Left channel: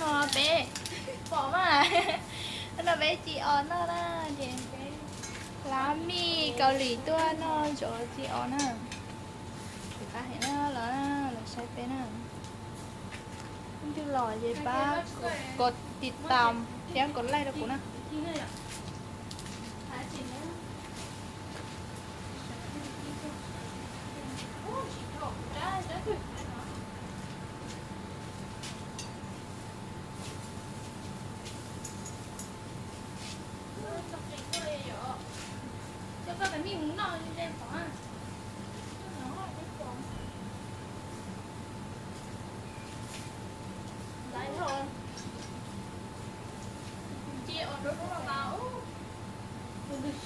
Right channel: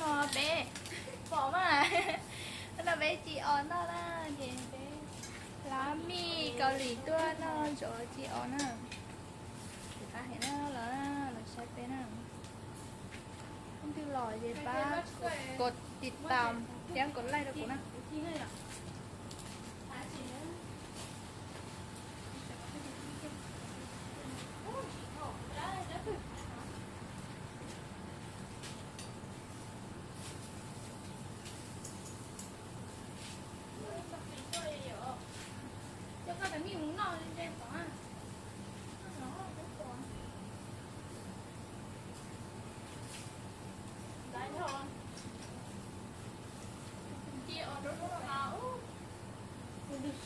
nó bé bỏ mà nó bé chị on nó là thì bé lá mì cà ri tua nó chỗ chị on á thì ta thấy nó là sai bé nè không chịu lòi gì baกดติดตามยังกดไลค์ด้วยกูนะ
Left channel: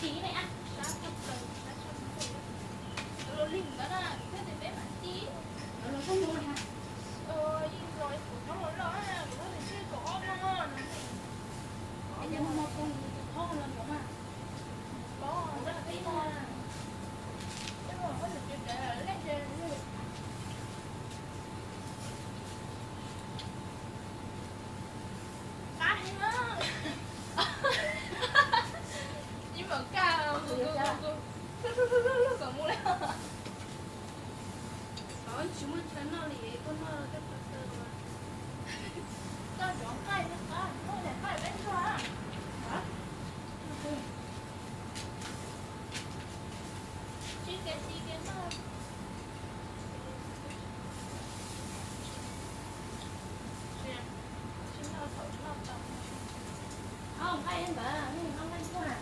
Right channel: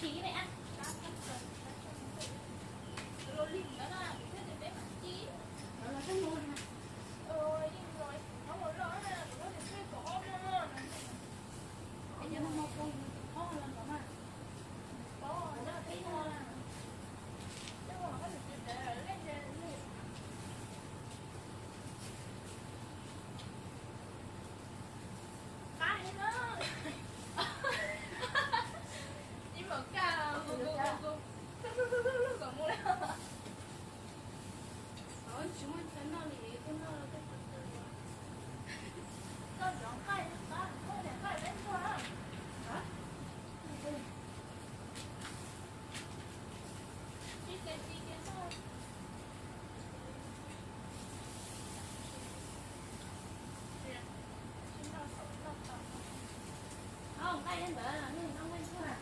Chị này ăn lá chọc lời lá chọc nó lô lìm đó nè thế thì bé mà chị nó không luôn hả rồi nó muốn lo là nó thì chưa có ngon anh em mà con con lần đó mà có rất là thấy ngon chứ mà có được chuyện vậy là lấy lên cá hay nó không hay em bảo là không hay thôi à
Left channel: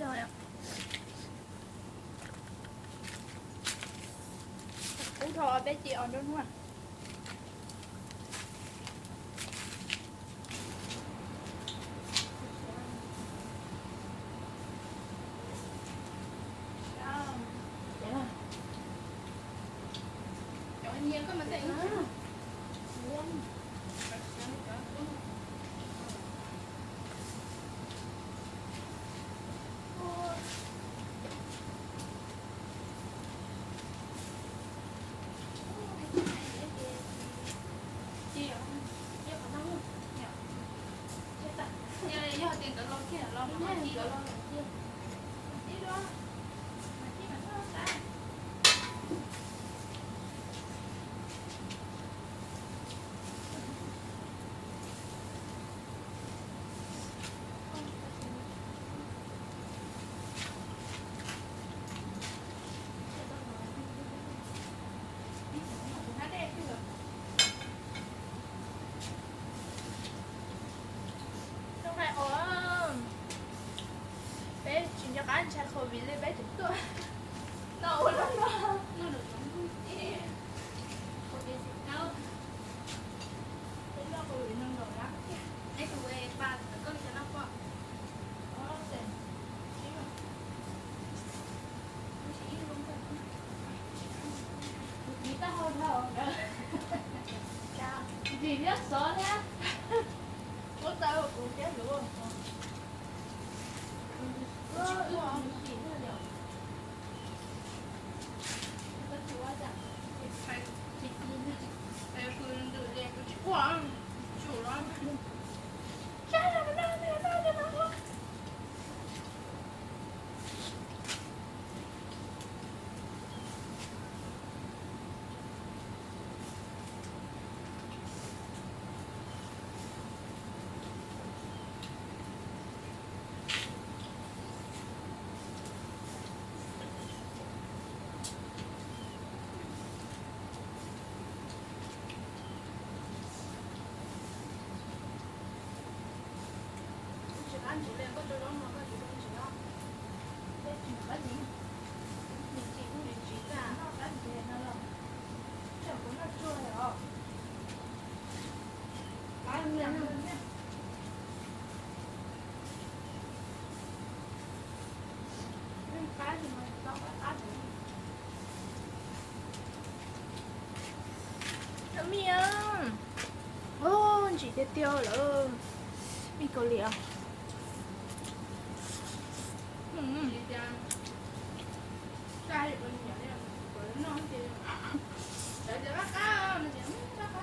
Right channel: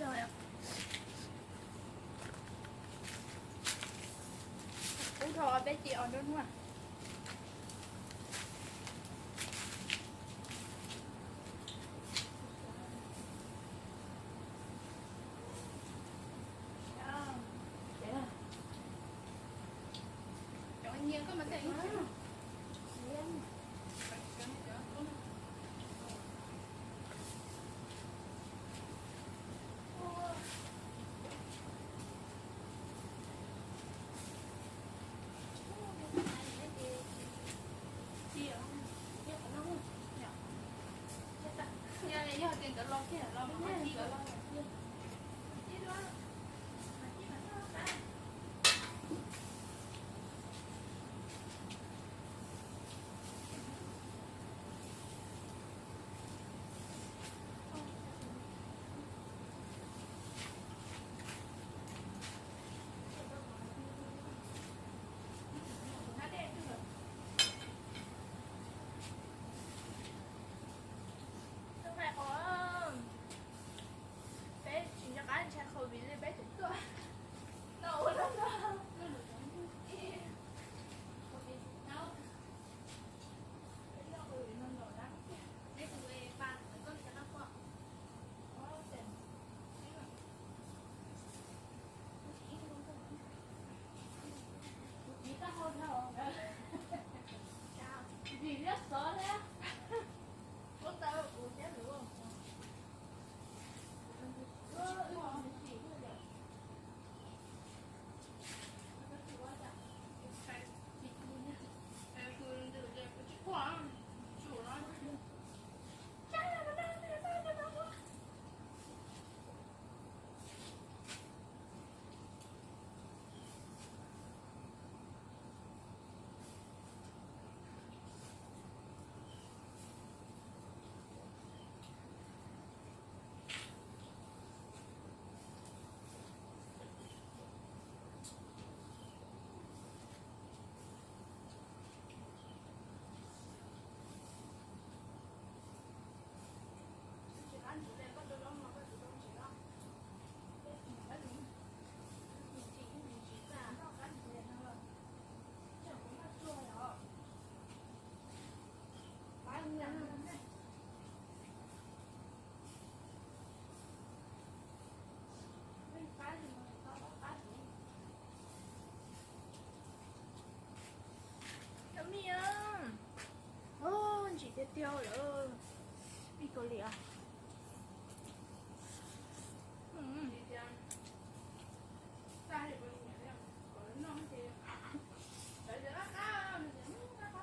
rồi ạ. Cú thò bé chị on đúng không ạ? Nhiều có mà tiện á. Tiền cả lon kia là lon mà chi cả lon kia. Chi đó. Mà chi mà nó ta. Anh trai khẩu vị lên bé chúng tôi nấu lắm đó nó được giống yeah khẩu vị thịt nấu thế nó khẩu vị nâng đồ lắm cái khẩu vị chị biết sợ thế. Có tao cũng chết luôn. Chị cứ không chị nữa được. Có chị quá chẳng. Chị đi. Em cứ tự nhiên cứ chị quá. Chủ đó. Cha là nó nó. Anh chủ đề có chỗ đó mà có chỗ đó chỉ đó. Đây chỉ có gì? Mình chỉ không mình chỉ cả nó cái gì nó là chẳng có nó chua rồi. Anh lên luôn nhé. Nhưng cái gì mà tao phải ăn được. Nó miệng. Ô, chị tiêu tiêu rồi. Đi cầu liễu. Cái thì bên nhà này còn nó thì để bắt cá nó chỉ bắt cá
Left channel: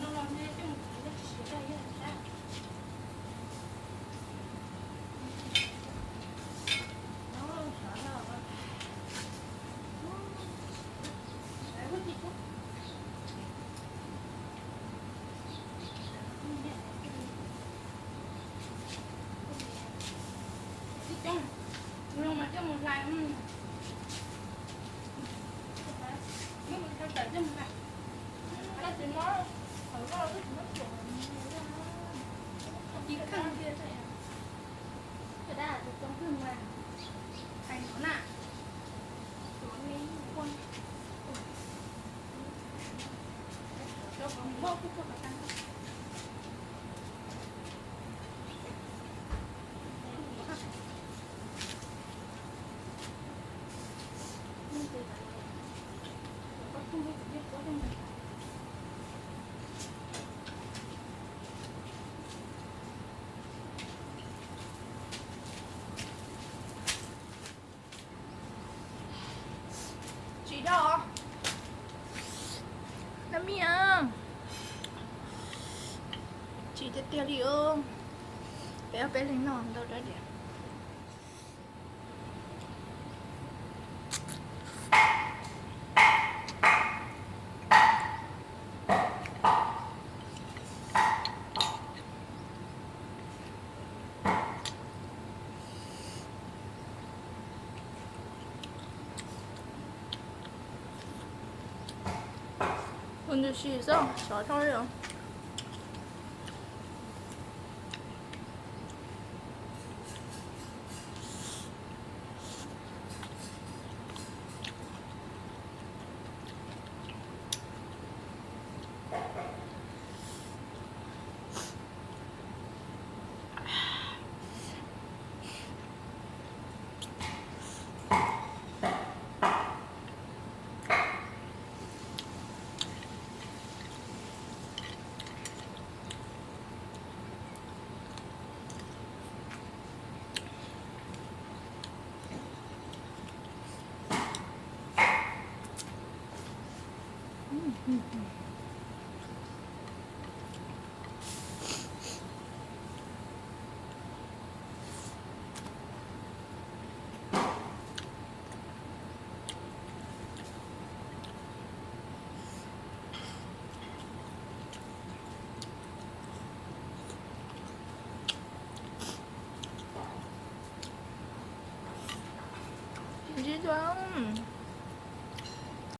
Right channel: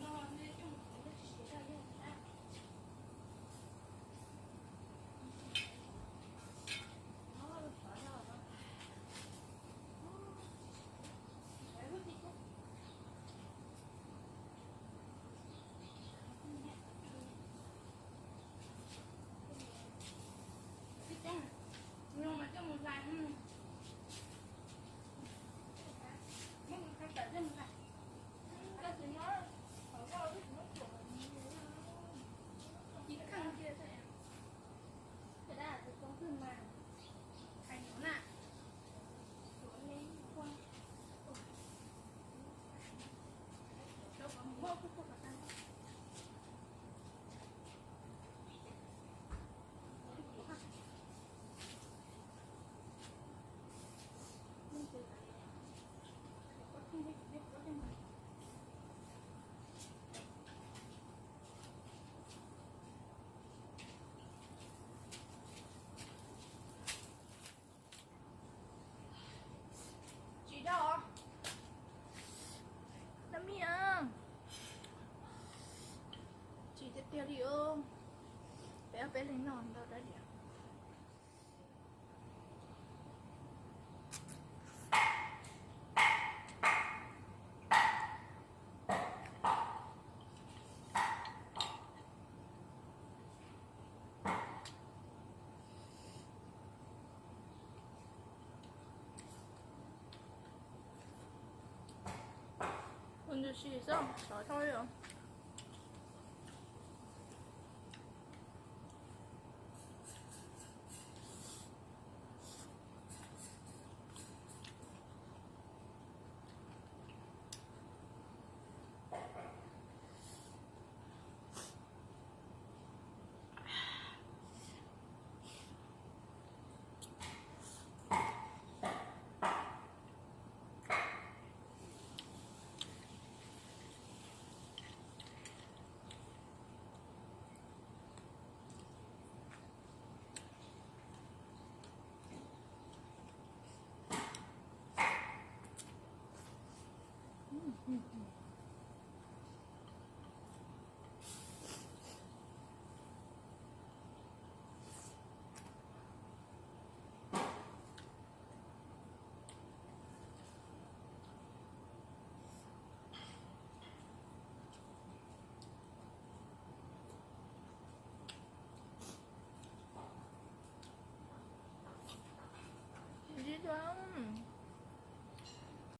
nó làm thế chứ nó chỉ đây vậy. Nhưng mà cho một lại mới một theo tới cho một lại cái gì nó ở đó cái gì nó chuẩn chỉ khăn kia thôi à cái đó là trong cái mà thành nó nè nó đi quân cho con bốc cái con tăng chị đâu Nam miệng chị tiếp theo đi ương bé bé lên nón đâu đó đi 오늘 쉬서 저 서요. 진짜